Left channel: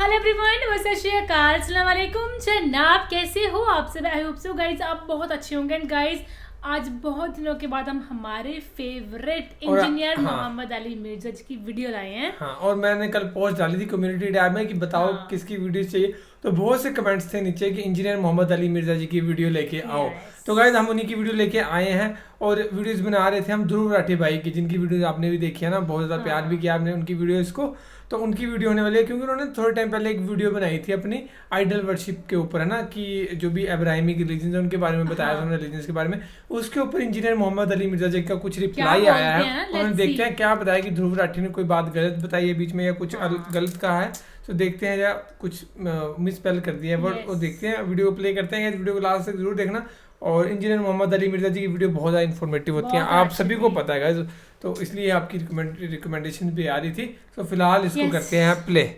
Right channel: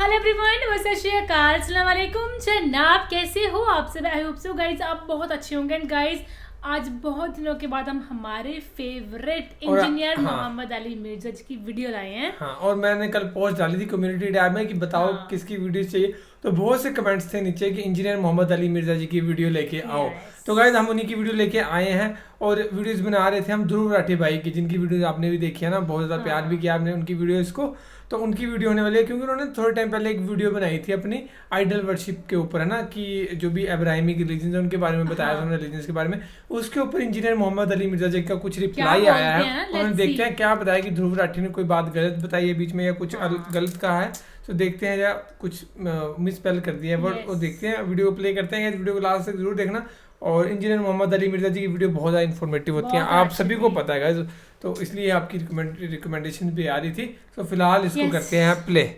Hello everyone, सत श्री अकाल, अस्सलाम वालेकुम। जनाब कैसे हो आप सब? आई होप सो गाइज आप बहुत अच्छे होंगे। एंड गाइज आज बहुत दिनों के बाद हम हमारे फेवरेट इंजीनियर मोहम्मद अली मिर्जा जी की वीडियो लाए हैं। हाँ, और मैंने कल पोस्ट डाली थी कम्युनिटी टैब में कि बताओ किसकी वीडियो चाहिए, तो बहुत से कमेंट्स थे नीचे कि इंजीनियर मोहम्मद अली मिर्जा जी की वीडियो लेके आओ। तो गाइज हम उन्हीं की वीडियो लेके आए हैं और वीडियोस बना रहे थे हम ध्रुव राठी भाई की, जिनकी वीडियोस आपने भी देखी है ना, बहुत ज़्यादा प्यार भी किया आपने उनकी वीडियोस को। तो उनकी वीडियो होने वाली है क्योंकि उन्होंने थोड़े टाइम पहले एक वीडियो बनाई थी अपनी आइडल वर्शिप के ऊपर, है ना, कि जो भी अब्राहिमिक रिलीजन है उनके बारे में बताया था उन्होंने, रिलीजन के बारे में। उसके ऊपर इंजीनियर मोहम्मद अली मिर्जा जी का कुछ रिप्लाई आया है, उन्होंने देखते हैं क्या बताया कि ध्रुव राठी ने कोई बात गलत बताई है बीच में या कुछ गलत कहा है। तो देखते हैं या कुछ मिसस्पेल कर दिया है वर्ड, और देखते हैं, वीडियो प्ले करते हैं। वीडियो को लास्ट तक जरूर देखना। और इंजीनियर मोहम्मद अली मिर्जा जी की वीडियो बहुत ज़्यादा इन्फॉर्मेटिव होती है, आप सभी को पता है गाइस, तो इसलिए आपकी रिकमेंडेशन भी आ रही थी। तो फिलहाल इसको करते हैं प्ले।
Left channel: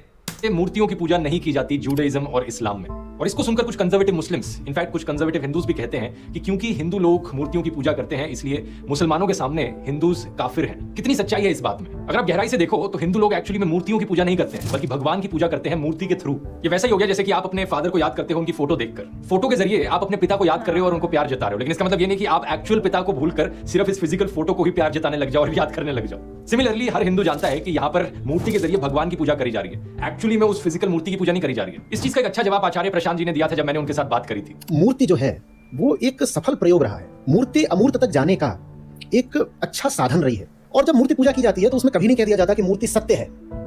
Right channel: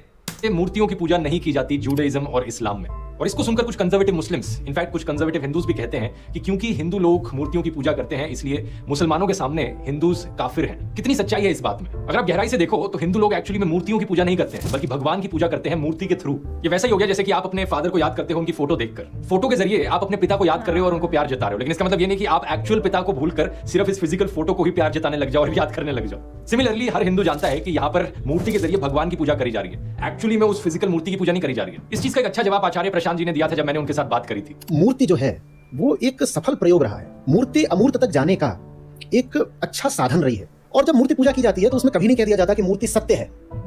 मूर्तियों की पूजा नहीं की जाती जूडाइज्म और इस्लाम में, और इसको सुनकर कुछ कंजर्वेटिव मुस्लिम्स, इनफैक्ट कुछ कंजर्वेटिव हिंदूज भी कहते हैं कि क्योंकि हिंदू लोग मूर्तियों की पूजा करते हैं इसलिए मुसलमानों के सामने हिंदूज काफिर हैं। कितनी सच्चाई है इस बात में? अगर आप गहराई से देखो तो हिंदू लोग एक्चुअली में मूर्तियों की पूजा नहीं करते हैं, बल्कि भगवान की पूजा करते हैं मूर्ति के थ्रू। ये वैसा ही हो गया जैसे कि आप अपने फादर को याद करते हो उनकी फोटो देखकर, फोटो के जरिए आप अपने पिता को याद कर रहे हो और उनको प्यार जता रहे हो, लेकिन इसका मतलब ये नहीं कि आप एक्चुअल पिता को भूलकर सिर्फ इस फिजिकल फोटो को ही प्यार जताने लग जाओ और याद करने लग जाओ। सिमिलरली हर हिंदू जानता है कि यहाँ पर मूर्ति के जरिए भगवान की पूजा करी जा रही है, एक्चुअली में उस फिजिकल मूर्ति की पूजा नहीं करी जा रही है। इस चीज का एक अच्छा जवाब आचार्य प्रशांत जी ने दिया था जब मैंने उनके साथ बात करी थी। मूर्ति जो है वो एक सफल प्रयोग रहा है, मूर्ति अमूर्त तक जाने का एक अच्छा साधन रही है। और जब मूर्ति पूजा की जाती है तो उसमें कभी नहीं कह दिया जाता कि मूर्ति सत्य है,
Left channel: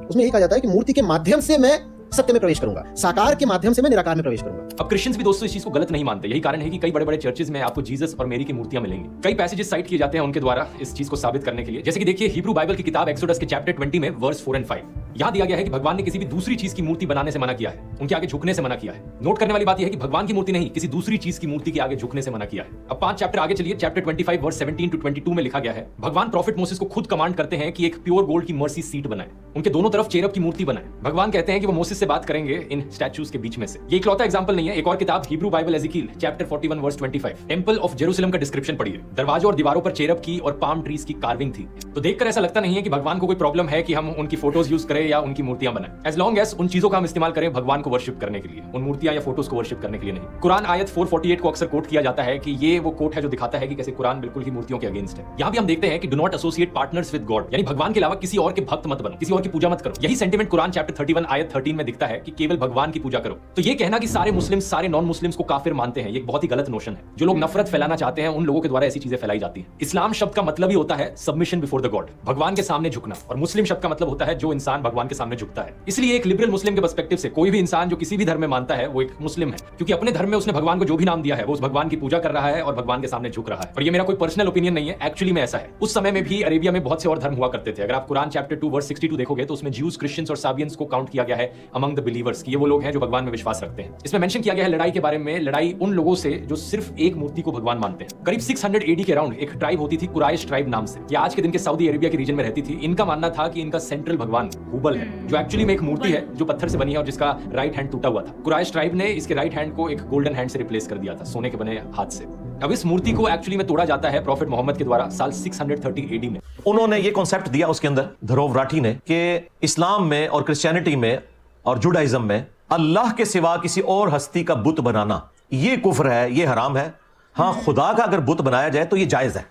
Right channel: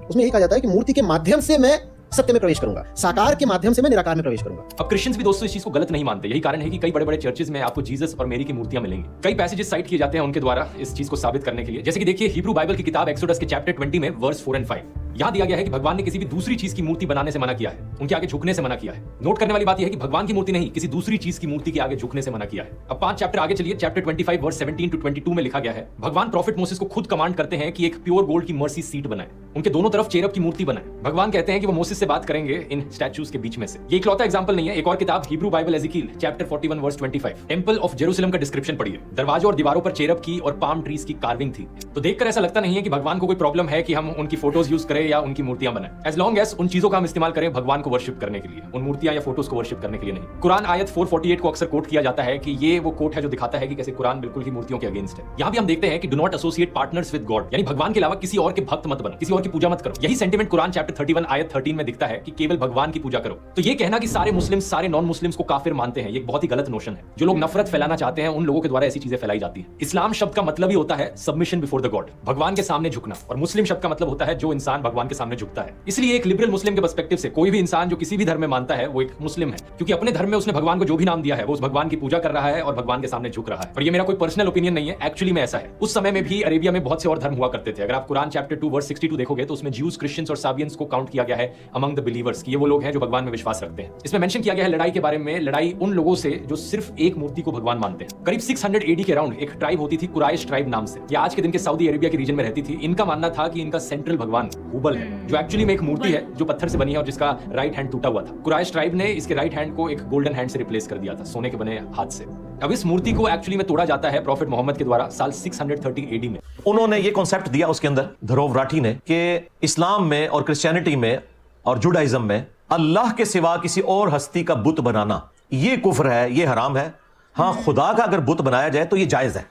उसमें ये कहा जाता है कि मूर्ति के माध्यम से मैं सत्य में प्रवेश करूंगा, साकार के माध्यम से मैं निराकार में प्रवेश करूंगा। अब क्रिश्चियंस भी दोस्तों इस चीज को गलत नहीं मानते, यही कारण है कि कई बड़े बड़े चर्चेस में आपको जीसस और मेरी की मूर्तियां मिलेंगी। कई पैसेजेस साइट किए जाते हैं उनके द्वारा इस चीज को साबित करने के लिए, जैसे कि देखिए हिब्रू बाइबल की किताब एक्सोडस के चैप्टर 20 में वर्स 4 और 5 यहाँ दिया गया है कि भगवान ने किसी भी दूसरी चीज की मूर्ति बनाने से मना किया है, उनके आगे झुकने से मना किया है। नोट करने वाली बात यह है कि भगवान की मूर्ति नहीं, किसी दूसरी चीज की मूर्ति के आगे झुकने से मना किया है। अब 5 चैप्टर आगे चलिए, चैप्टर 25 वर्स 17 to 22 में लिखा गया है, भगवान प्रॉफिट मोसेस को खुद कमांड करते हैं कि एक प्योर गोल्ड की मर्सी सीट बनाए, उनके दोनों तरफ चेरब की मूर्ति बनाए। भगवान कहते हैं कि वो मोसेस से बात करेंगे इन स्टैच्यूज के बीच में से। ये इकलौता एग्जांपल नहीं है, एक और किताब Hebrew Bible Ezekiel chapter 41 verse 25 temple of Jerusalem का डिस्क्रिप्शन पढ़िए, दरवाजों और दीवारों पर चेरब की और पाम ट्रीज की कार्विंग थी। तो देखकर ऐसा लगता नहीं है कि भगवान को कोई प्रॉब्लम है कि हम उनकी फोटोज यूज करें या उनकी मूर्तियां बनाएं, एज लॉन्ग एज उन चीजों का हम इस्तेमाल करें भगवान को वर्शिप करने के लिए, उन मूर्तियां या फोटोज को वर्शिप करने के लिए नहीं। कुरान आयत 448 को अक्सर कोट किया जाता है कि ये वो कोट है जो दिखाता है कि कैसे कुरान बिल्कुल ही मूर्तियों के अगेंस्ट है। यहाँ भी हम देखते हैं कि do not associate partners with God, यानी भगवान के अलावा किसी और के भक्त मत बनो, किसी और की पूजा मत करो। यही सेंटीमेंट कुरान चैप्टर 31 आयत 13 में दिखता है कि केवल भगवान की पूजा करो। तो ये कहना कि सारे मुस्लिम सारे नॉन मुस्लिम्स को काफिर मानते हैं, ये एक बहुत ही गलत नोशन है। जो लोग नफरत फैलाना चाहते हैं उन लोगों के द्वारा ऐसी चीजें फैलाई जाती है। इस्लाम शब्द का मतलब ही होता है सबमिशन बिफोर द गॉड, भगवान के सामने झुकना, और मुस्लिम शब्द का मतलब होता है जो इंसान भगवान के सामने झुकता है। इसलिए एक लिबरल मुस्लिम के पर्सपेक्टिव से कोई भी इंसान जो किसी भी धर्म में मानता है वो एक मुस्लिम है, क्योंकि अपने धर्म में उसने भगवान को जो भी नाम दिया है वो उस भगवान की पूजा कर रहा है और भगवान के सामने झुक रहा है। और ये मेरा कोई पर्सनल ओपिनियन नहीं है, एक्चुअली में ऐसा है। उस समय में भी अरेबिया में बहुत से और धर्म हुआ करते थे। अगर आप कुरान चैप्टर 2 वर्स 62 देखोगे तो उसमें ज्यूज, क्रिश्चियंस और साबियंस को काउंट किया गया है अमंग द बिलीवर्स, ये वो लोग हैं जो भगवान में विश्वास रखते हैं। इसमें मेंशन किया गया है लड़ाई के बारे में, लड़ाई उन लोगों से जो सिर्फ एक मूर्ति को भगवान मानते हैं। करीब 600 AD के अराउंड एक ट्राइब होती थी कुराइश ट्राइब नाम से, ये आज के दिन के सऊदी अरेबिया के रीजन में रहती थी। इनका मानना था कि इनका सेंट्रल भगवान हुबल है, जो एक्चुअली में एक मूर्ति है जो पत्थर से बनी है और जिसका राइट हैंड टूटा हुआ था। कुराइश ट्राइब ने इसके राइट हैंड को एक गोल्डन हैंड से रिप्लेस कर दिया था, सोने के बने हाथ से। अब इस मूर्ति को एक्चुअली में तोड़ा जाता है प्रॉफिट मोहम्मद के द्वारा साल 630 AD में। उन्होंने ये कॉन्सेप्ट दिया उसके अंदर ध्रुव राठी ने कि इस्लाम में और क्रिश्चियनिटी में और जुडाइज्म में अल्लाह के सिवा किसी और हस्ती का बुत बनाना ये कुफ्र है, ये हराम है। हाँ, खुदा का अगर बुत बनाया जाए तो ये जायज है।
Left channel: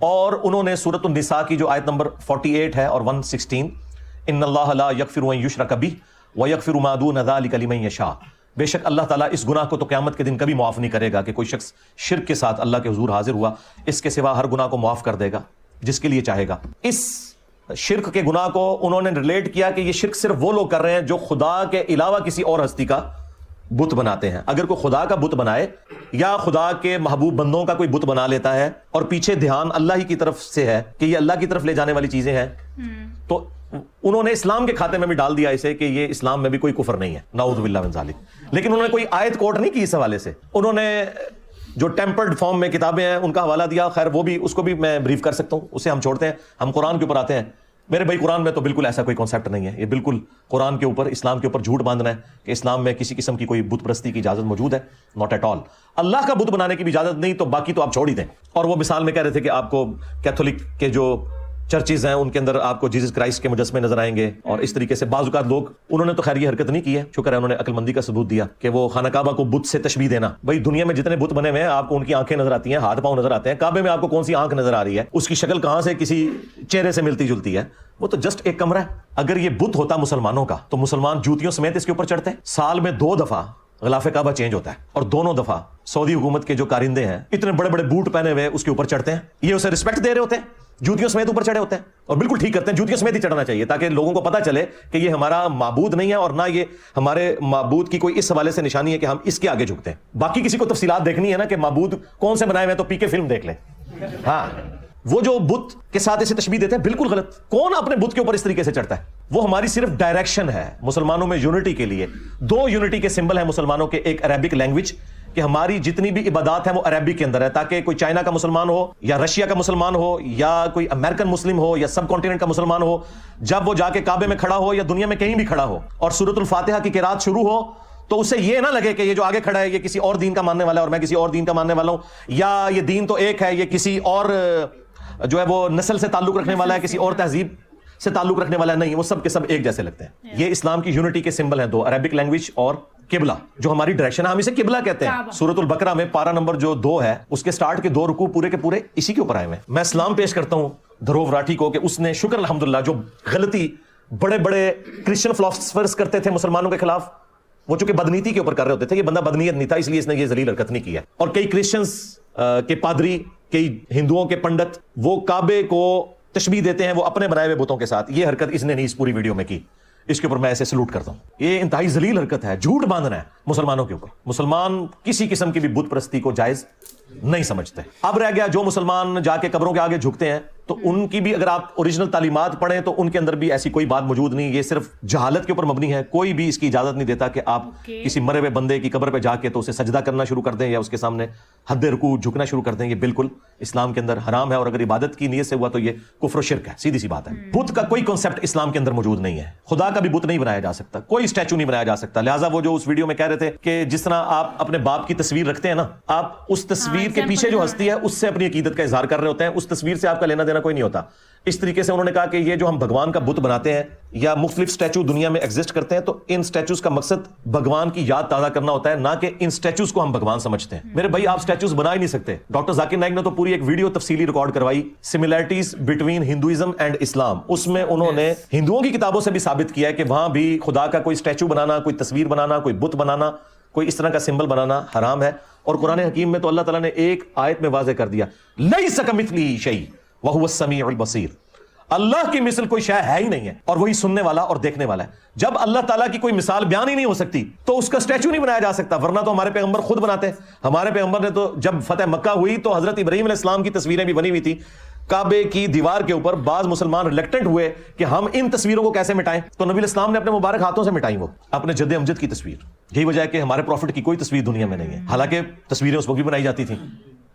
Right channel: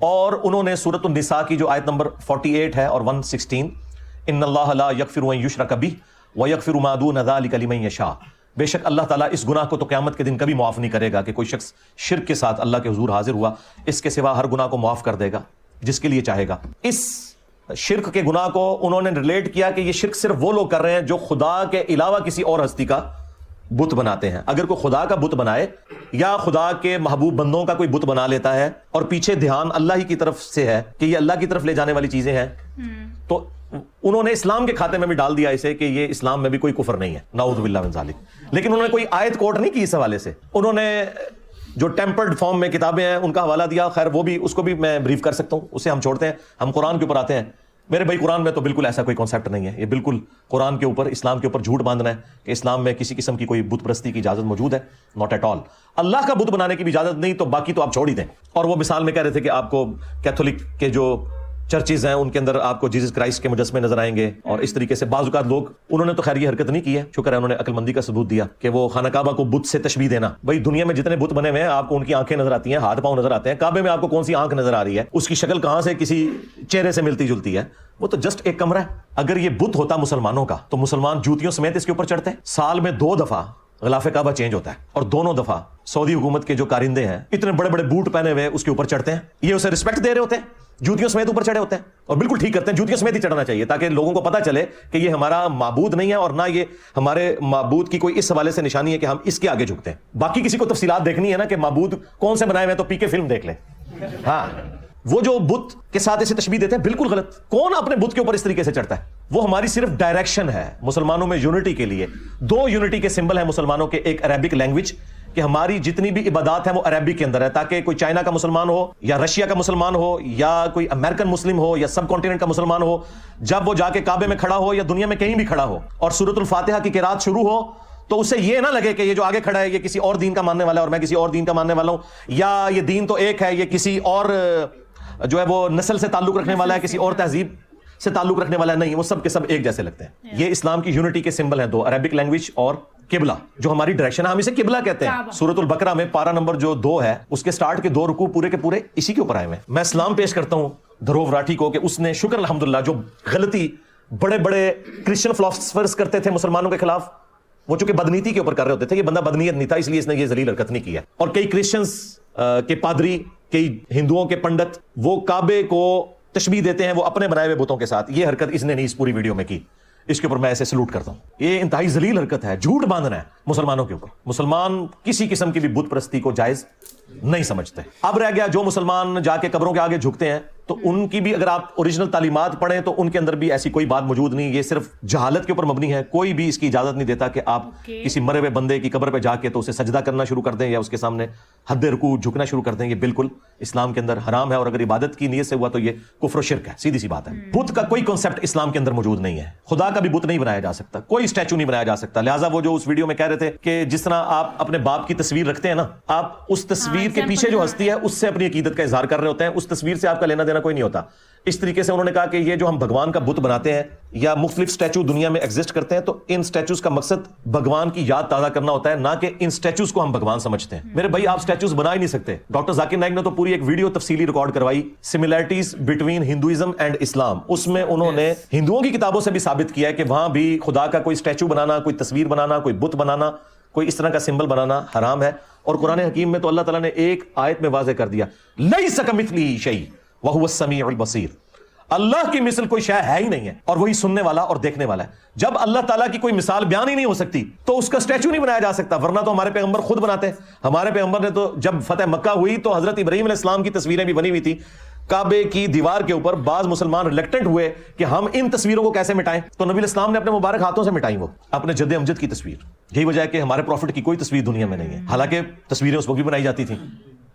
और उन्होंने सूरत निसा की जो आयत नंबर 48 है और 116, इन्नल्लाह ला यगफिरु अन युशरक बिही व यगफिरु मा दून ज़ालिका लिमन यशा, बेशक अल्लाह ताला इस गुनाह को तो क़यामत के दिन कभी माफ नहीं करेगा कि कोई शख्स शिर्क के साथ अल्लाह के हुजूर हाजिर हुआ, इसके सिवा हर गुनाह को माफ कर देगा जिसके लिए चाहेगा। इस शिर्क के गुनाह को उन्होंने रिलेट किया कि ये शिर्क सिर्फ वो लोग कर रहे हैं जो खुदा के अलावा किसी और हस्ती का बुत बनाते हैं। अगर कोई खुदा का बुत बनाए या खुदा के महबूब बंदों का कोई बुत बना लेता है और पीछे ध्यान अल्लाह ही की तरफ से है कि ये अल्लाह की तरफ ले जाने वाली चीजें हैं, तो उन्होंने इस्लाम के खाते में भी डाल दिया इसे कि ये इस्लाम में भी कोई कुफर नहीं है, नाऊज़ु बिल्लाह मिन ज़ालिक। लेकिन उन्होंने कोई आयत कोट नहीं की इस हवाले से। उन्होंने जो टेम्पर्ड फॉर्म में किताबें हैं उनका हवाला दिया, खैर वो भी, उसको भी मैं ब्रीफ कर सकता हूँ, उसे हम छोड़ते हैं, हम कुरान के ऊपर आते हैं। मेरे भाई कुरान में तो बिल्कुल ऐसा कोई कॉन्सेप्ट नहीं है, ये बिल्कुल कुरान के ऊपर, इस्लाम के ऊपर झूठ बांधना है कि इस्लाम में किसी किस्म की कोई बुत परस्ती की इजाजत मौजूद है, नॉट एट ऑल। अल्लाह का बुत बनाने की भी इजाजत नहीं, तो बाकी तो आप छोड़ ही दें। और वो मिसाल में कह रहे थे कि आपको कैथोलिक के जो चर्चेज हैं उनके अंदर आपको जीसस क्राइस्ट के मुजस्मे नजर आएंगे और इस तरीके से बाज़ औक़ात लोग, उन्होंने तो खैर ये हरकत नहीं की है, शुक्र है उन्होंने अक्लमंदी का सबूत दिया कि वो खाना काबा को बुत से तशबीह देना। भाई दुनिया में जितने बुत बने हुए हैं आपको उनकी आंखें नजर आती हैं, हाथ पांव नजर आते हैं, काबे में आपको कौन सी आंख नजर आ रही है, उसकी शक्ल कहां से किसी चेहरे से मिलती जुलती है, वो तो जस्ट एक कमरा है। अगर ये बुत होता मुसलमानों का तो मुसलमान जूतियों समेत इसके ऊपर चढ़ते। साल में 2 दफा ग़िलाफ़े काबा चेंज होता है और दोनों दफा सऊदी हुकूमत के जो कारिंदे हैं इतने बड़े बड़े बूट पहने हुए उसके ऊपर चढ़ते हैं। ये उसे रिस्पेक्ट दे रहे होते हैं, जूतियों समेत ऊपर चढ़े होते हैं और बिल्कुल ठीक करते हैं, जूतियों समेत ही चढ़ना चाहिए ताकि लोगों को पता चले कि ये हमारा माबूद नहीं है और ना ये हमारे माबूद की कोई इस हवाले से निशानी है कि हम इसके आगे झुकते हैं। बाकी किसी को तफसीलात देखनी है ना कि माबूद कौन से बनाए हुए हैं तो पीके फिल्म देख ले। हाँ, वो जो बुत के साथ इसे तशबीह देते हैं बिल्कुल गलत। कौन अपने बुत के ऊपर इस तरीके से चढ़ता है? वो हमारी सिर्फ डायरेक्शन है मुसलमानों में यूनिटी के लिए। 2 यूनिटी के सिंबल है मुसलमानों के, एक अरबिक लैंग्वेज कि हमारी जितनी भी इबादत है वो अरबी के अंदर है, ताकि कोई चाइना का मुसलमान हो या रशिया का मुसलमान हो या कोई अमेरिकन मुस्लिम हो या सब कॉन्टिनेंट का मुसलमान हो, जब वो जाके काबे में खड़ा हो या दुनिया में कहीं भी खड़ा हो और सूरतुल फातिहा की किरात शुरू हो तो उससे ये ना लगे कि ये जो आगे खड़ा है ये किसी और दीन का मानने वाला है और मैं किसी और दीन का मानने वाला हूं, या ये दीन तो एक है, ये किसी और जो है वो नस्ल से ताल्लुक रखने वाला है, किसी और तहजीब से ताल्लुक रखने वाला नहीं, वो सब के सब एक जैसे लगते हैं। ये इस्लाम की यूनिटी के सिंबल हैं 2, अरबिक लैंग्वेज और किबला, जो हमारी डायरेक्शन है, हम इसे किबला कहते हैं। सूरतुल बकरा में पारा नंबर जो 2 है उसके स्टार्ट के 2 रुकू पूरे के पूरे इसी के ऊपर आए हुए हैं। मैं सलाम पेश करता हूं धरोव राठी को कि उसने शुक्र अल्हम्दुलिल्लाह जो गलती बड़े बड़े क्रिश्चियन फिलोसफर्स करते थे मुसलमानों के खिलाफ, वो चूंकि बदनीति के ऊपर कर रहे होते थे, ये बंदा बदनीयत नहीं था इसलिए इसने ये जलील हरकत नहीं की है। और कई क्रिश्चियंस के पादरी, कई हिंदुओं के पंडित वो काबे को तशबीह देते हैं वो अपने बनाए हुए बुतों के साथ। ये हरकत इसने नहीं इस पूरी वीडियो में की, इसके ऊपर मैं ऐसे सलूट करता हूं। ये इंतहाई जलील हरकत है, झूठ बांधना है मुसलमानों के ऊपर। मुसलमान किसी किस्म की भी बुत परस्ती को जायज नहीं समझते। अब रह गया जो मुसलमान जाके कब्रों के आगे झुकते हैं, तो उनकी भी अगर आप ओरिजिनल तालीमात पढ़ें तो उनके अंदर भी ऐसी कोई बात मौजूद नहीं। ये सिर्फ जहालत के ऊपर मबनी है। कोई भी इसकी इजाजत नहीं देता कि आप किसी मरे हुए बंदे की कब्र पे जाके तो उसे सजदा करना शुरू कर दें या उसके सामने हद रुकू झुकना शुरू कर दें। ये बिल्कुल इस्लाम के अंदर हराम है और अगर इबादत की नीयत से हुआ तो ये कुफ्र और शिर्क है, सीधी सी बात है। बुत का कोई कॉन्सेप्ट इस्लाम के अंदर मौजूद नहीं है। खुदा का भी बुत नहीं बनाया जा सकता, कोई स्टैचू नहीं बनाया जा सकता। लिहाजा वो जो उस वीडियो में कह रहे थे कि जिस तरह आप अपने बाप की तस्वीर रखते हैं ना, आप उस तस्वीर के पीछे जो हस्ती है उससे अपनी अकीदत का इजहार कर रहे होते हैं, उस तस्वीर से आपका लेना देना कोई नहीं होता। इस तरीके से उन्होंने कहा कि ये जो हम भगवान का बुत बनाते हैं या मुख्तलिफ स्टैचू दुनिया में एग्जिस्ट करते हैं, तो इन स्टैचूज का मकसद भगवान की याद ताजा करना होता है, ना कि इन स्टैचूज को हम भगवान समझते हैं। मेरे भाई आप स्टैचूज बना ही नहीं सकते। डॉक्टर जाकिर नाइक ने तो पूरी एक वीडियो तफसीली रिकॉर्ड करवाई, similarities between Hinduism and Islam. उसमें उन्होंने हिंदुओं की किताबों से भी साबित किया है कि वहां भी खुदा का कोई स्टैचू बनाना, कोई तस्वीर बनाना, कोई बुत बनाना, कोई इस तरह का सिंबल बनाना हराम है। और कुरान हकीम में तो अल्लाह ताला ने एक आयत में वाज़ेह कर दिया, लैसा कमिथलिही शै व हुवा समीउल बसीर। अल्लाह की मिसल कोई शय है ही नहीं है और वही सुनने वाला और देखने वाला है। जब अल्लाह ताला की कोई मिसाल बयान ही नहीं हो सकती तो उसका स्टैचू नहीं बनाया जा सकता, वरना तो हमारे पैगंबर खुद बनाते हैं। हमारे पैगंबर ने तो जब फतेह मक्का हुई तो हजरत इब्राहीम अलैहिस्सलाम की तस्वीरें भी बनी हुई थी काबे की दीवार के ऊपर। बाज मुसलमान रिलेक्टेंट हुए कि हम इन तस्वीरों को कैसे मिटाएं, तो नबी इस्लाम ने अपने मुबारक हाथों से मिटाई वो अपने जद्दे अमजद की तस्वीर। यही वजह है कि हमारे प्रॉफिट की कोई तस्वीर दुनिया में नहीं है। हालांकि तस्वीरें उस वक्त भी बनाई जाती थी,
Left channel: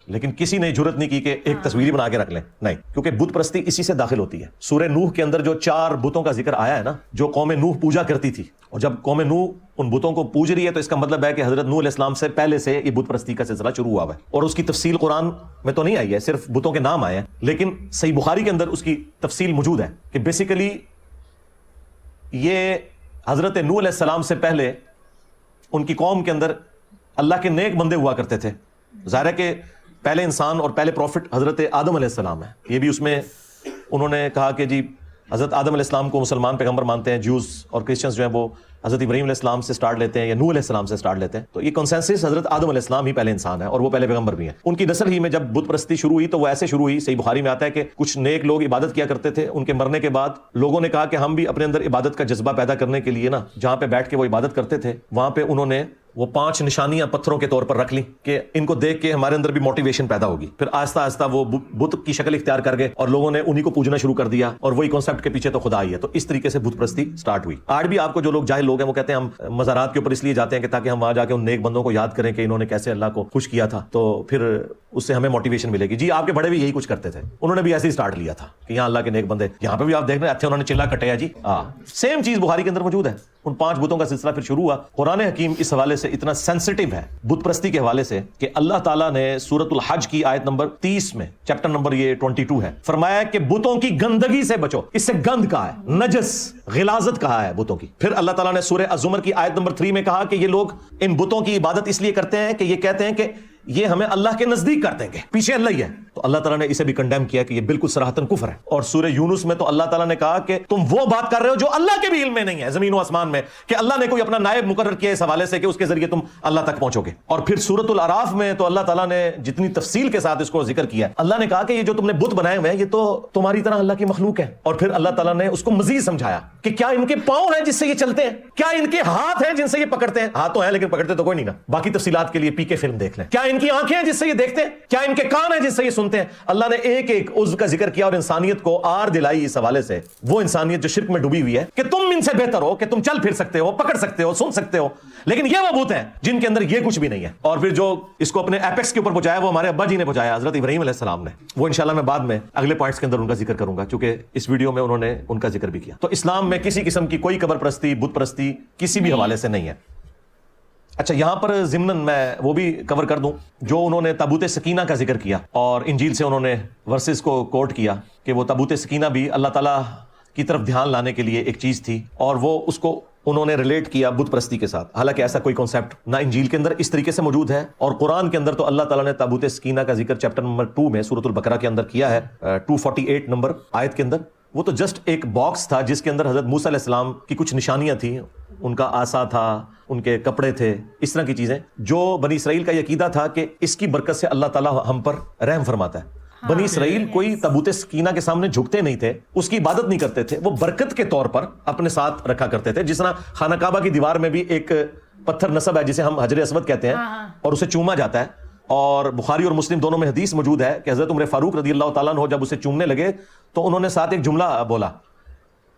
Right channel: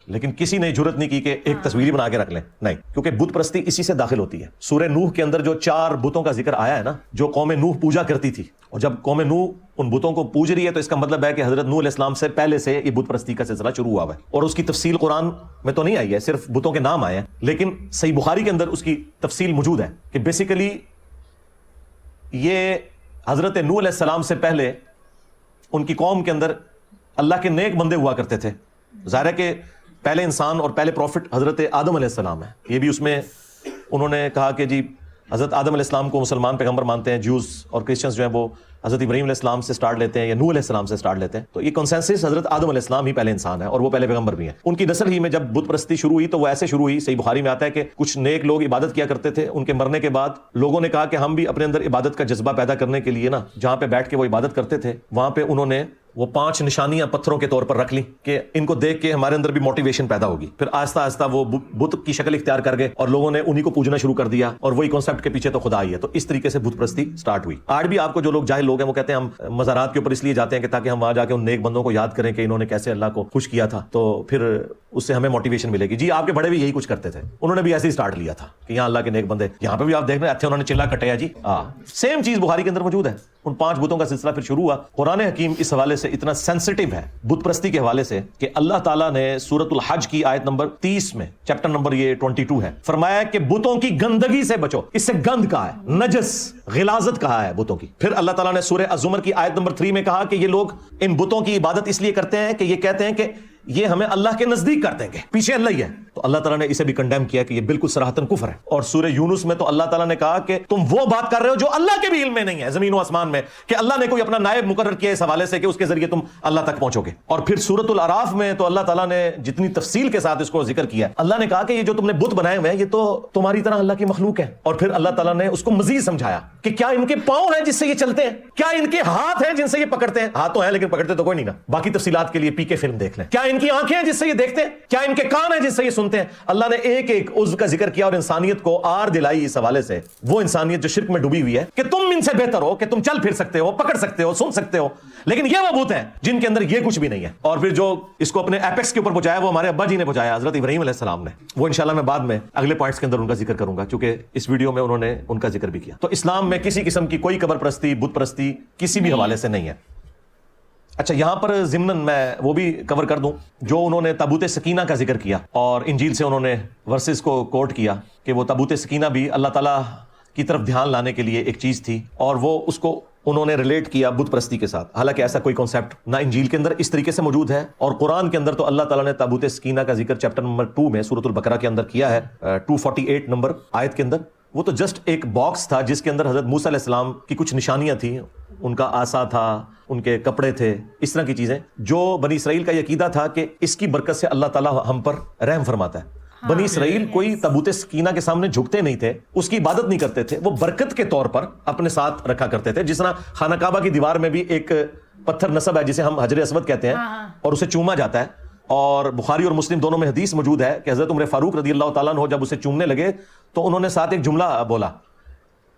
लेकिन किसी ने जुर्रत नहीं की कि एक तस्वीर बना के रख ले, नहीं, क्योंकि बुत परस्ती इसी से दाखिल होती है। सूरह नूह के अंदर जो 4 बुतों का जिक्र आया है ना, जो कौम नूह पूजा करती थी, और जब कौम नूह उन बुतों को पूज रही है तो इसका मतलब है कि हजरत नूह अलैहिस्सलाम से पहले से ये बुत परस्ती का सिलसिला शुरू हुआ है। और उसकी तफसील कुरान में तो नहीं आई है, सिर्फ बुतों के नाम आए हैं, लेकिन सही बुखारी के अंदर उसकी तफसील मौजूद है कि बेसिकली ये हजरत नूह अलैहिस्सलाम से पहले उनकी कौम के अंदर अल्लाह के नेक बंदे हुआ करते थे। ज़ाहिर है कि पहले इंसान और पहले प्रॉफिट हजरत आदम अलैहिस्सलाम है। ये भी उसमें उन्होंने कहा कि जी हजरत आदम अलैहिस्सलाम को मुसलमान पैगंबर मानते हैं, ज्यूज और क्रिश्चियंस जो है वो हजरत इब्राहीम अलैहिस्सलाम से स्टार्ट लेते हैं या नूह अलैहिस्सलाम से स्टार्ट लेते हैं। तो ये कंसेंसस हजरत आदम अलैहिस्सलाम ही पहले इंसान है और वो पहले पैगंबर भी है। उनकी नस्ल ही में जब बुत परस्ती शुरू हुई तो वो ऐसे शुरू हुई, सही बुखारी में आता है कि कुछ नेक लोग इबादत किया करते थे, उनके मरने के बाद लोगों ने कहा कि हम भी अपने अंदर इबादत का जज्बा पैदा करने के लिए ना, जहाँ पे बैठ के वो इबादत करते थे वहां पे उन्होंने वो 5 निशानियां पत्थरों के तौर पर रख ली कि इनको देख के हमारे अंदर भी मोटिवेशन पैदा होगी। फिर आहिस्ता आहिस्ता वो बुत की शक्ल इख्तियार कर गए और लोगों ने उन्हीं को पूजना शुरू कर दिया और वही कॉन्सेप्ट के पीछे तो खुदा ही है। तो इस तरीके से बुत परस्ती स्टार्ट हुई। आज भी आपको जो लोग जाहिल लोग हैं वो कहते हैं हम मज़ारात के ऊपर इसलिए जाते हैं कि ताकि हम वहां जाके उन नेक बंदों को याद करें कि इन्होंने कैसे अल्लाह को खुश किया था, तो फिर उससे हमें मोटिवेशन मिलेगी। जी आपके बड़े भी यही कुछ करते थे, उन्होंने भी ऐसे ही स्टार्ट लिया था कि यहाँ अल्लाह के नेक बंदे, यहाँ पे भी आप देख रहे हैं उन्होंने चिल्ला कटाया जी। हाँ, सेम चीज बुखारी के अंदर मौजूद है। उन 5 बुतों का सिलसिला फिर शुरू हुआ। कुरान हकीम इस हवाले से इतना सेंसिटिव है बुत परस्ती के हवाले से कि अल्लाह ताला ने सूरतुल हज की आयत नंबर 30 में, चैप्टर नंबर ये 22 है, फरमाया कि बुतों की गंदगी से बचो। इससे गंद कहा है, नजस, गिलाजत कहा है बुतों की। फिर अल्लाह ताला ने सूरह अज़ुमर की आयत नंबर 3 में कहा कि ये लोग इन बुतों की इबादत इसलिए करते हैं कि ये कहते हैं कि ये हमें अल्लाह के नजदीक कर देंगे, पीछे अल्लाह ही है। तो अल्लाह ताला ने इसे भी कंडेम किया कि ये बिल्कुल सराहतन कुफ्र है। और सूरह यूनुस में तो अल्लाह ताला ने कहा कि तुम वो बात कर रहे हो जो अल्लाह के भी इल्म में नहीं है, जमीन और आसमान में, कि अल्लाह ने कोई अपना नायब मुकर्रर किया इस हवाले से कि उसके जरिए तुम अल्लाह तक पहुंचोगे। और फिर सूरतुल अराफ में तो अल्लाह ताला ने जितनी तफसील के साथ इसको जिक्र किया, अल्लाह ने कहा कि ये जो तुमने बुत बनाए हुए हैं ये तो तुम्हारी तरह अल्लाह की मखलूक है। और फिर अल्लाह ताला ने उसको मजीद समझाया कि क्या इनके पांव हैं जिससे ये चलते हैं, क्या इनके हाथ हैं जिनसे ये पकड़ते हैं, हाथ तो है लेकिन पकड़ते तो कोई नहीं ना। बाकी तफसीलात के लिए पीके फिल्म देख लें। क्या इनकी आंखें हैं जिससे ये देखते हैं, क्या इनके कान हैं जिससे ये सुनते हैं। अल्लाह ने एक एक उज़्व का जिक्र किया और इंसानियत को आर दिलाई इस हवाले से, वो इंसानियत जो शिर्क में डूबी हुई है कि तुम इनसे बेहतर हो, कि तुम चल फिर सकते हो, पकड़ सकते हो, सुन सकते हो, लेकिन ये वो भूत है जिनके अंदर ये कुछ भी नहीं है। और फिर जो इसको अपने एपेक्स के ऊपर पहुंचाया वो हमारे अब्बा जी ने पहुंचाया, हजरत इब्राहीम अलैहिस्सलाम ने। वो इंशाल्लाह मैं बाद में अगले पॉइंट्स के अंदर उनका जिक्र करूंगा, क्योंकि इस वीडियो में उन्होंने उनका जिक्र भी किया। तो इस्लाम में किसी किस्म की कोई कब्र परस्ती, बुत परस्ती किसी भी हवाले से नहीं है। अच्छा, यहां पर ज़िम्नन मैं वो भी कवर कर दूं जो उन्होंने ताबूत सकीना का जिक्र किया और इंजील से उन्होंने वर्सेस को कोट किया कि वो ताबूत सकीना भी अल्लाह ताला की तरफ ध्यान लाने के लिए एक चीज थी, और वो उसको उन्होंने रिलेट किया बुत परस्ती के साथ। हालांकि ऐसा कोई कॉन्सेप्ट ना इंजील के अंदर इस तरीके से मौजूद है, और कुरान के अंदर तो अल्लाह ताला ने ताबूत सकीना का जिक्र चैप्टर नंबर 2 में सूरतुल बकरा के अंदर किया है, 248 नंबर आयत के अंदर। वो तो जस्ट एक बॉक्स था जिसके अंदर हजरत मूसा अलैहिस्सलाम की कुछ निशानियां थी, उनका आसा था, उनके कपड़े थे, इस तरह की चीजें, जो बनी इसराइल का यकीदा था कि इसकी बरकत से अल्लाह ताला हम पर रहम फरमाता है। बनी इसराइल कोई ताबूत सकीना के सामने झुकते नहीं थे, उसकी इबादत नहीं करते थे, वो बरकत के तौर पर अपने साथ रखा करते थे। जिस तरह खाना काबा की दीवार में भी एक पत्थर नस्ब है जिसे हम हजर अस्वद कहते हैं, और उसे चूमा जाता है। और बुखारी और मुस्लिम दोनों में हदीस मौजूद है कि हजरत उमर फारूक रदी अल्लाह ताला अन्हु जब उसे चूमने लगे तो उन्होंने साथ एक जुमला बोला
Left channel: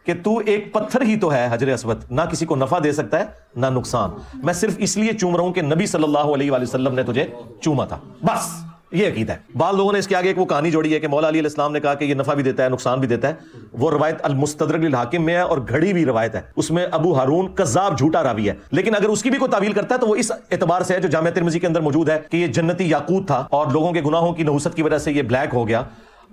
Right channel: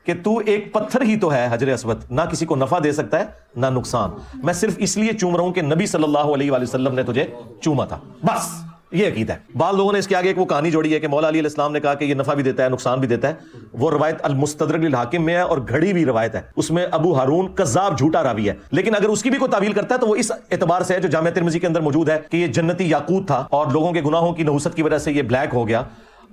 कि तू एक पत्थर ही तो है हजर अस्वद, ना किसी को नफा दे सकता है ना नुकसान, मैं सिर्फ इसलिए चूम रहा हूं कि नबी सल्लल्लाहु अलैहि वसल्लम ने तुझे चूमा था, बस ये अकीदा है। बाद लोगों ने इसके आगे एक वो कहानी जोड़ी है कि मौला अली अलैहिस्सलाम ने कहा कि ये नफा भी देता है नुकसान भी देता है। वो रवायत मुस्तदरक अल हाकिम में है और घड़ी हुई रवायत है, उसमें अबू हारून कज़्ज़ाब झूठा रावी है, लेकिन अगर उसकी भी कोई तावील करता है तो वो इस एतबार से है जो जामिया तिर्मिज़ी के अंदर मौजूद है कि ये जन्नती याकूत था और लोगों के गुनाहों की नहुसत की वजह से ये ब्लैक हो गया,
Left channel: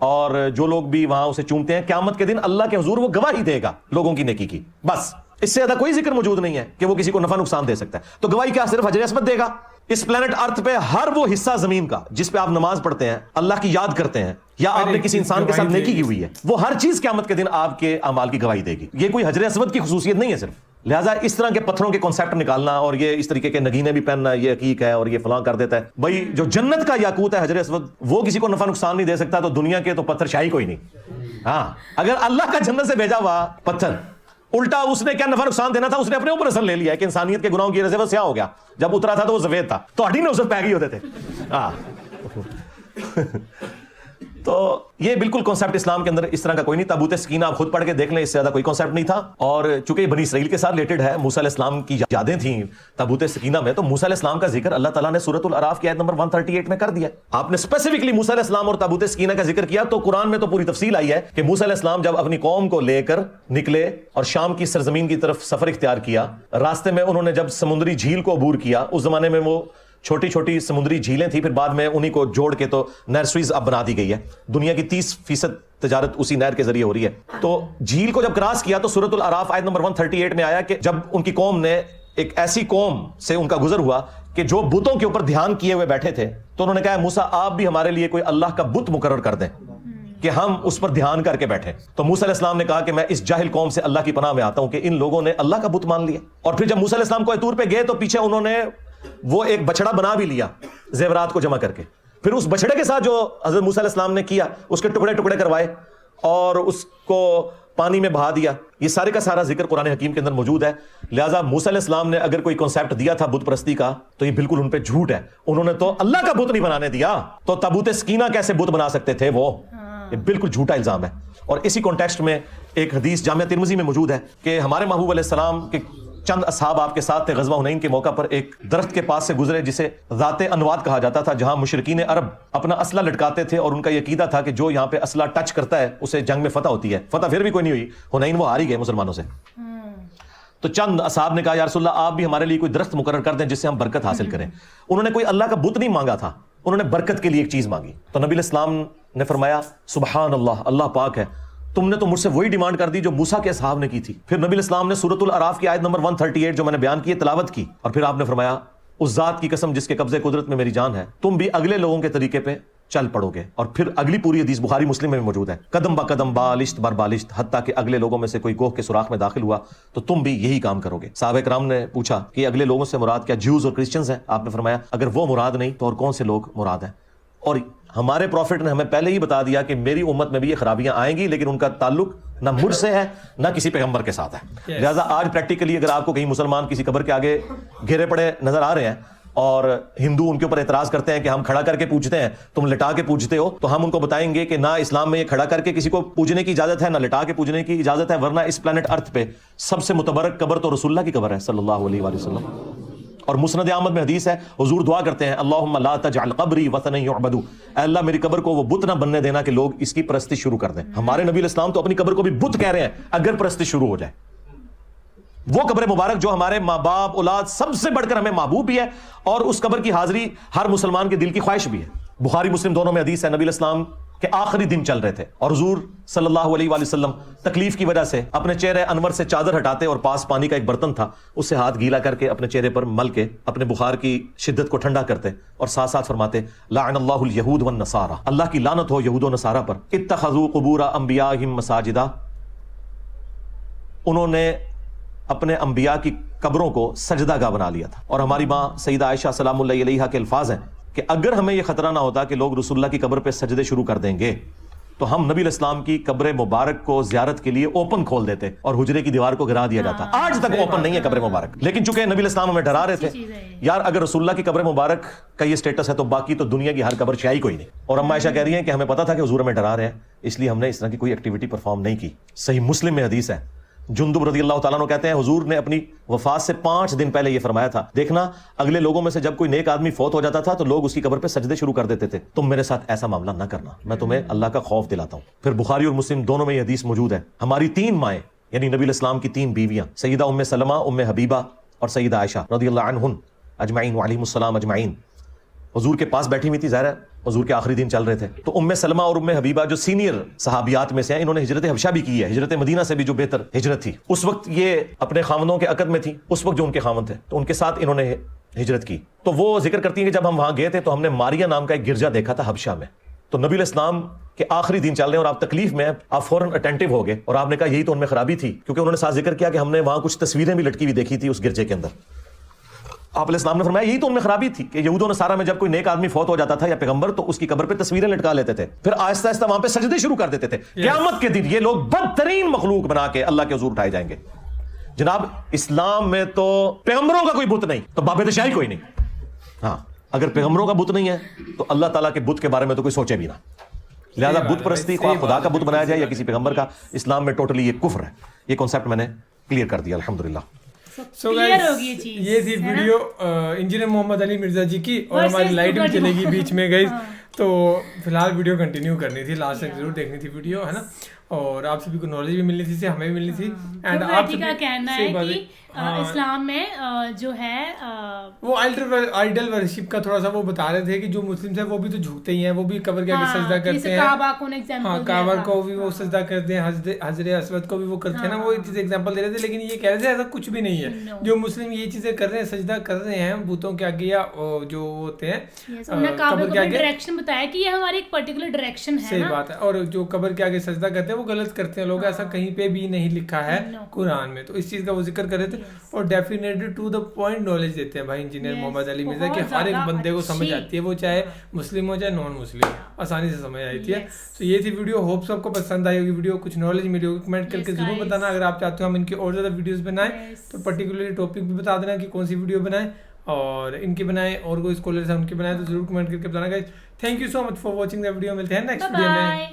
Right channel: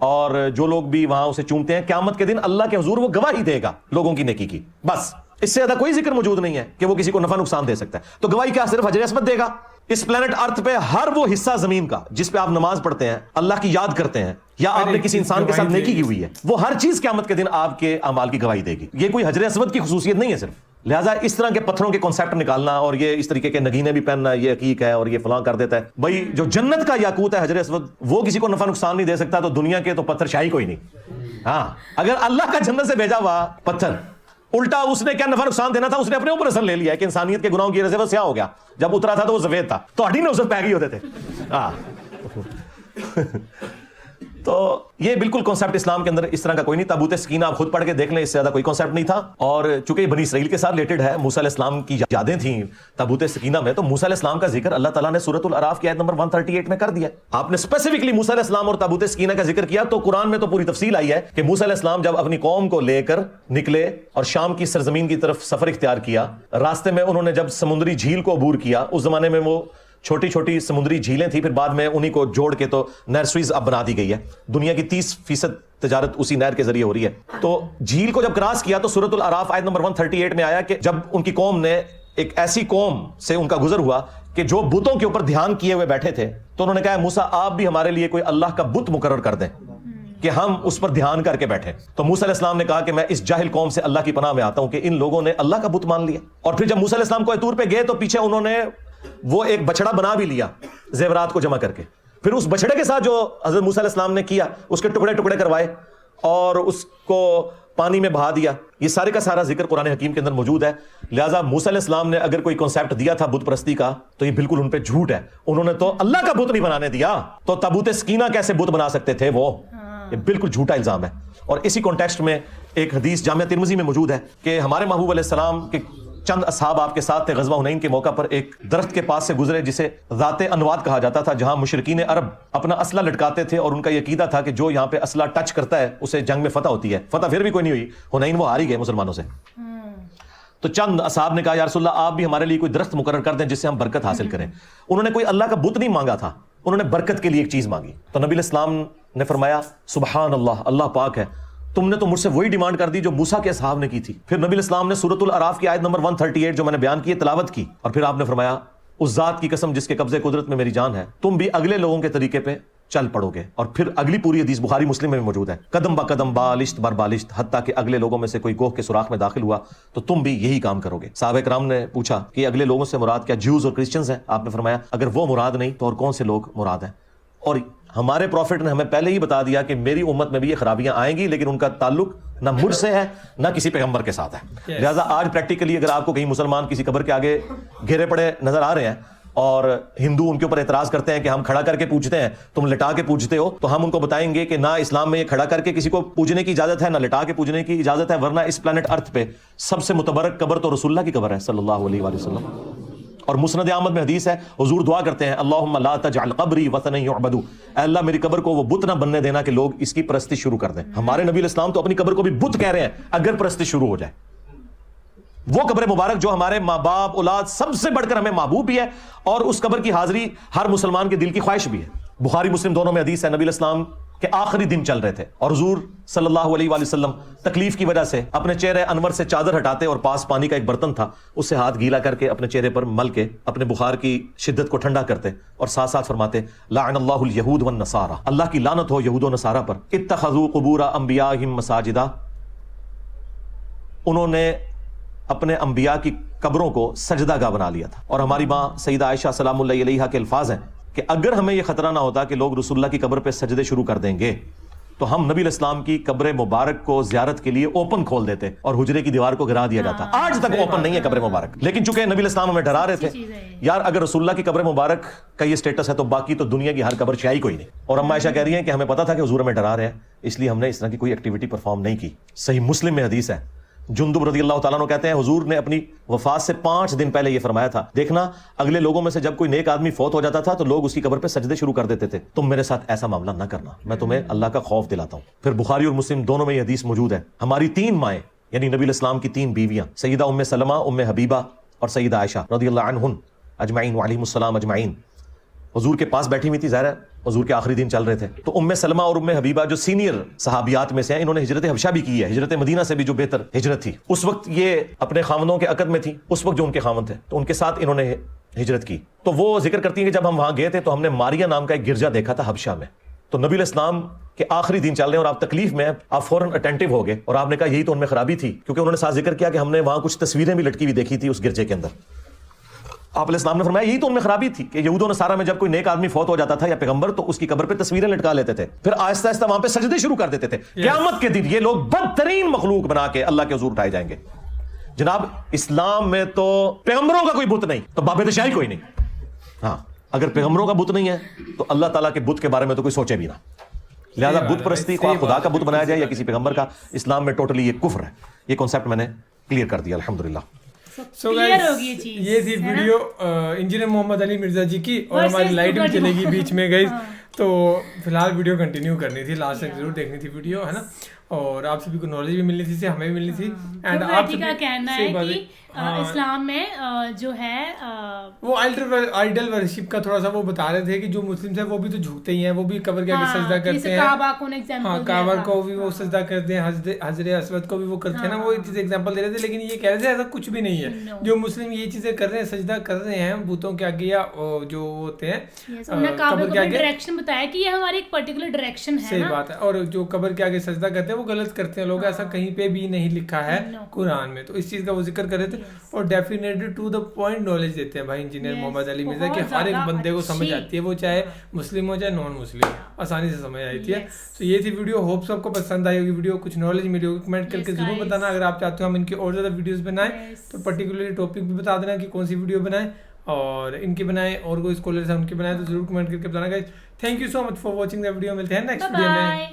और जो लोग भी वहां उसे चूमते हैं क़यामत के दिन अल्लाह के हुजूर वो गवाही देगा लोगों की नेकी की, बस इससे ज्यादा कोई जिक्र मौजूद नहीं है कि वो किसी को नफा नुकसान दे सकता है। तो गवाही क्या सिर्फ हजर अस्वद देगा? इस प्लेनेट अर्थ पे हर वो हिस्सा जमीन का जिस पे आप नमाज पढ़ते हैं, अल्लाह की याद करते हैं, या आपने किसी इंसान के साथ नेकी की हुई है, वो हर चीज क़यामत के दिन आपके अमाल की गवाही देगी। ये कोई हजर अस्वद की खुसूसियत नहीं है सिर्फ। लिहाजा इस तरह के पत्थरों के कॉन्सेप्ट निकालना और ये इस तरीके के नगीने भी पहनना, ये हकीक है और ये फलां कर देता है, भाई जो जन्नत का याकूत है हजर अस्वद, वो किसी को नफा नुकसान नहीं दे सकता, तो दुनिया के तो पत्थर शाही कोई नहीं। हाँ, अगर अल्लाह का जन्नत से भेजा हुआ पत्थर, उल्टा उसने क्या नफा नुकसान देना था, उसने अपने ऊपर असर ले लिया कि इंसानियत के गुनाहों की वजह से वो स्याह हो गया, जब उतरा था तो वो सफेद था, तो हड्डी में उसमें पैगी होते थे। तो ये बिल्कुल कॉन्सेप्ट इस्लाम के अंदर इस तरह का कोई नहीं। ताबूत सकीना आप खुद पढ़ के देख लें, इससे ज्यादा कोई कॉन्सेप्ट नहीं था। और चूंकि ये बनी इसराइल के साथ रिलेटेड है, मूसा अलैहिस्सलाम की यादें थी ताबूत सकीना में, तो मूसा अलैहिस्सलाम का जिक्र अल्लाह ताला ने सूरतुल अराफ की आयत नंबर 138 में कर दिया। आपने स्पेसिफिकली मूसा अलैहिस्सलाम और ताबूत सकीना का जिक्र किया, तो कुरान में तो पूरी तफसील आई है कि मूसा अलैहिस्सलाम जब अपनी कौम को लेकर निकले और शाम की सरजमीन की तरफ सफर इख्तियार किया, रास्ते में उन्होंने जब समुद्री झील को अबूर किया, उस जमाने में वो छोटी छोटी समुद्री झीलें थी, फिर बाद में उन्हीं को जोड़ के तो नहर सुएज़ अब बना दी गई है। दुनिया की 30% तजारत उसी नहर के जरिए हो रही है। तो झील को जब क्रॉस किया तो सूरतुल अराफ आयत नंबर 138 में आया कि जब उनकी कौम ने, एक ऐसी कौम से उनका गुजर हुआ कि जो बुतों के ऊपर ध्यान किए हुए बैठे थे, तो उन्होंने कहा मूसा आप भी हमारे लिए कोई अल्लाह का बुत मुकर्रर कर दें कि हम उस पर ध्यान करके बैठे। तो मूसा अलैहिस्सलाम ने कहा कि मैं इस जाहिल कौम से अल्लाह की पनाह में आता हूं कि इन लोगों ने अल्लाह का बुत मान लिया। और फिर जब मूसा अलैहिस्सलाम कोई तूर पे गए तो पीछे उन्होंने वो एक बछड़ा बना भी लिया जेवरात को जमा करके, फिर उस बछड़े के साथ जो हज़रत मूसा अलैहिस्सलाम ने किया उसके टुकड़े टुकड़े करवाए और उसको पानी में बहा दिया। ये सारे का सारा जिक्र कुरान हकीम के अंदर मौजूद है। लिहाजा मूसा अलैहिस्सलाम ने अगर कोई कॉन्सेप्ट दिया था बुत परस्ती का, तो ये बिल्कुल उन पे झूठ है। उन्होंने तो अल्लाह का बुत नहीं बनाने दिया, तो ताबूत सकीना कैसे बुत बना सकते थे वो? ये बिल्कुल झूठा इल्जाम है। और इसी कॉन्टेक्स्ट में एक हदीस जामिया तिर्मिज़ी में मौजूद है कि हमारे महबूब अलैहिस्सलाम के चंद असहाब आपके साथ थे, ग़ज़वा हुनैन के मौका पर एक दरख्त के पास से गुजरे जिसे ज़ाते अनवाद कहा जाता था, जहां मुशरिकीन अरब अपना असला लटकाते थे और उनका ये अकीदा था कि जो यहाँ पे असला टच करता है उसे जंग में फतह होती है। फतह फिर भी कोई नहीं हुई, हुनैन वो हार ही गए मुसलमानों से। تو چند اصحاب نے کہا یا رسول اللہ آپ بھی ہمارے لیے کوئی درخت مقرر کر دیں جس سے ہم برکت حاصل کریں. انہوں نے کوئی اللہ کا بت نہیں مانگا تھا, انہوں نے برکت کے لیے ایک چیز مانگی. تو نبی الاسلام نے فرمایا سبحان اللہ, اللہ پاک ہے, تم نے تو مجھ سے وہی ڈیمانڈ کر دی جو موسیٰ کے اصحاب نے کی تھی. پھر نبی الاسلام نے سورۃ الاعراف کی آیت نمبر 138 جو میں نے بیان کی تلاوت کی, اور پھر آپ نے فرمایا اس ذات کی قسم جس کے قبضے قدرت میں میری جان ہے, تم بھی اگلے لوگوں کے طریقے پہ چل پڑو گے. اور پھر اگلی پوری حدیث بخاری مسلم میں موجود ہے, قدم با قدم بالشت بر بالشت, حتیٰ کہ اگلے لوگوں میں سے کوئی گوہ کے سوراخ میں داخل ہوا تو تم بھی یہی کام کرو گے. صحابہ کرام نے پوچھا کہ اگلے لوگوں سے مراد کیا جیوز اور کرسچنز ہیں؟ آپ نے فرمایا اگر وہ مراد نہیں تو اور کون سے لوگ مراد ہیں. اور ہمارے پروفٹ نے ہمیں پہلے ہی بتا دیا کہ میری امت میں بھی یہ خرابیاں آئیں گی, لیکن ان کا تعلق نہ مجھ سے ہے نہ کسی پیغمبر کے ساتھ ہے. لہٰذا آج پریکٹیکلی اگر آپ کو کہیں مسلمان کسی قبر کے آگے گھیرے پڑے نظر آ رہے ہیں اور ہندو ان کے اوپر اعتراض کرتے ہیں کہ ہم کھڑا کر کے پوجتے ہیں, تم لٹا کے پوجتے ہو, تو ہم ان کو بتائیں گے کہ نہ اسلام میں یہ کھڑا کر کے کسی کو پوجنے کی اجازت ہے, نہ لٹا کے پوجنے کی اجازت ہے, ورنہ اس پلانٹ ارتھ پہ سب سے متبرک قبر تو رسول اللہ کی قبر ہے صلی اللہ علیہ وآلہ وسلم. اور مسند احمد میں حدیث ہے, حضور دعا کرتے ہیں اللہم لا تجعل قبری وثنا یعبد, اللہ میری قبر کو وہ بت نہ بننے دینا کہ لوگ اس کی پرستش شروع کر دیں. ہمارے نبی الاسلام تو اپنی قبر کو بھی بت کہہ رہے ہیں اگر پرستش شروع ہو جائے. وہ قبر مبارک جو ہمارے ماں باپ اولاد سب سے بڑھ کر ہمیں محبوب بھی ہے, اور اس قبر کی حاضری ہر مسلمان کے دل کی خواہش بھی ہے. بخاری مسلم دونوں میں حدیث ہے, نبی الاسلام کے آخری دن چل رہے تھے اور حضور صلی اللہ علیہ وآلہ وسلم تکلیف کی وجہ سے اپنے چہرے انور سے چادر ہٹاتے اور پاس پانی کا ایک برتن تھا اس سے ہاتھ گیلا کر کے اپنے چہرے پر مل کے اپنے بخار کی شدت کو ٹھنڈا کرتے اور ساتھ ساتھ فرماتے لعن اللہ الیہود والنصارى, اللہ کی لعنت ہو یہود و نصارہ پر, اتخذوا قبور انبیائہم مساجدا, انہوں نے اپنے انبیاء کی قبروں کو سجدہ گاہ بنا لیا تھا. اور ہماری ماں سیدہ عائشہ سلام اللہ علیہا کے الفاظ ہیں کہ اگر ہمیں یہ خطرہ نہ ہوتا کہ لوگ رسول اللہ کی قبر پہ سجدے شروع کر دیں گے تو ہم نبی الاسلام کی قبر مبارک کو زیارت کے لیے اوپن کھول دیتے اور حجرے کی دیوار کو گرا دیا جاتا. آج تک اوپن نہیں ہے قبر مبارک, لیکن چونکہ نبی الاسلام ہمیں ڈرا رہے تھے یار اگر رسول اللہ کی قبر مبارک کا یہ سٹیٹس ہے تو باقی تو دنیا کی ہر قبر چاہیے کوئی نہیں. اور اما عائشہ کہہ رہی ہے کہ ہمیں پتا تھا کہ حضور ہمیں ڈرا رہے ہیں, اس لیے ہم نے اس طرح کی کوئی ایکٹیویٹی پرفارم نہیں کی. صحیح مسلم میں حدیث ہے, جندب رضی اللہ تعالیٰ عنہ کہتے ہیں حضور نے اپنی وفات سے 5 دن پہلے یہ فرمایا تھا, دیکھنا اگلے لوگوں میں سے جب کوئی نیک آدمی فوت ہو جاتا تھا تو لوگ اس کی قبر پہ سجدے شروع کر دیتے تھے, تم میرے ساتھ ایسا معاملہ نہ کرنا, میں تمہیں اللہ کا خوف دلاتا ہوں. پھر بخاری اور مسلم دونوں میں یہ حدیث موجود ہے. ہماری 3 مائیں یعنی نبی الاسلام کی 3 بیویاں سیدہ ام سلمہ, ام حبیبہ اور سیدہ عائشہ رضی اللہ عنہن اجمعین وعلیہم السلام اجمعین, حضور کے پاس بیٹھی ہوئی تھی. ظاہر ہے حضور کے آخری دن چل رہے تھے, تو ام سلمہ اور ام حبیبہ جو سینئر صحابیات میں سے ہیں, انہوں نے ہجرت حبشہ بھی کی ہے, ہجرت مدینہ سے بھی جو بہتر ہجرت تھی. اس وقت یہ اپنے خاوندوں کے عقد میں تھی, اس وقت جو ان کے خاوند تھے تو ان کے ساتھ انہوں نے ہجرت کی. تو وہ ذکر کرتی ہیں کہ جب ہم وہاں گئے تھے تو ہم نے ماریا نام کا ایک گرجا دیکھا تھا حبشہ میں. تو نبی الاسلام کے آخری دن چل رہے ہیں اور آپ تکلیف میں, آپ فوراً اٹینٹو ہو گئے اور آپ نے کہا یہی تو ان میں خرابی تھی, کیونکہ انہوں نے ساتھ ذکر کیا کہ ہم نے وہاں کچھ تصویریں بھی لٹکی ہوئی دیکھی تھی اس گرجے کے اندر. آپ علیہ السلام نے فرمایا یہی تو ان میں خرابی تھی کہ یہود و نصارہ میں جب کوئی نیک آدمی فوت ہو جاتا تھا یا پیغمبر تو اس کی قبر پہ تصویریں لٹکا لیتے تھے, پھر آہستہ آہستہ وہاں پہ سجدے شروع کر دیتے تھے. قیامت کے دن یہ لوگ بدترین مخلوق بنا کے اللہ کے حضور اٹھائے جائیں گے. جناب اسلام میں تو پیغمبروں کا کوئی بت نہیں تو بابے شاہی کوئی نہیں. ہاں اگر پیغمبروں کا بت نہیں ہے تو اللہ تعالیٰ کے بت کے بارے میں تو کوئی سوچے نہیں. لہٰذا بت پرستی کو خدا کا بت بنایا جائے یا کسی پیغمبر کا, اسلام میں ٹوٹلی یہ کفر ہے. یہ کانسیپٹ میں نے کلیئر کر دیا الحمدللہ. سو گائز یہ تھی ویڈیو انجینئر محمد علی مرزا جی کی, اور ہماری لائٹ بھی چلے گی بیچ میں گائز, تو فی الحال ویڈیو کنٹینیو کرنی تھی, لاسٹ تک ضرور دیکھنی تھی ویڈیو, ہے نا, اور آپ سبھی کو نالج بھی ملنی تھی, ہمیں بھی ملنی تھی. اینڈ آپ کا کہنا ہے کہ اسلام میں جو ہے وہ آئیڈل ورشپ کا تھوڑا سا وہ بتا رہے تھے کہ جو مسلم ہیں وہ بھی تو جھکتے ہی ہیں, وہ بھی قبر کے آگے سجدہ کرتے ہیں, ہاں کعبہ کو بھی وہ سجدہ کرتے ہیں, حجر اسود کو بھی وہ کرتے ہیں نا, وہ ایک چیز ایگزامپل دے رہے تھے. لیکن یہ کہہ رہے تھے ایسا کچھ بھی نہیں ہے, جو مسلم یہ چیزیں کر رہے ہیں, سجدہ کر رہے ہیں بتوں کے آگے یا جو ہوتے ہیں قبر کے آگے, ڈائریکشن بتایا کہ یہ ہماری ایک پرٹیکولر ڈائریکشن ہے. صحیح بات ہے. اور جو قبر کے آگے سجدہ کرتے ہیں وہ غلط کرتے ہیں لوگ, ایسا کہیں پہ بھی نہیں لکھا ہے قرآن میں. تو اس چیز کا وہ ذکر کر رہے تھے اور definitely to the point knowledge دیتے ہیں بھائی انجینئر محمد علی مرزا, کہ ہر ایک بندے کو سمجھ آتی ہے, وہ چاہے مسلم ہو چاہے نان مسلم, آسانی سے سمجھ آتی ہے. تو یہ تھی ویڈیو, ہوپ سب کو پسند آئی ہوگی ویڈیو, کچھ نالج ملی ہوگی. کمنٹ کر کے ضرور بتانا. اگر آپ چاہتے ہو ہم ان کی اور زیادہ ویڈیوز بنائیں تو پرٹیکولرلی ٹاپک بھی بتا دینا کہ کون سی ویڈیو بنائیں, اور ان کی بنائیں, اور کوئی اسکالرز ہیں ان کی بنائیں, تو ضرور کمنٹ کر کے بتانا. Guys thank you so much for watching the video. ملتے ہیں نیکسٹ ویڈیو میں.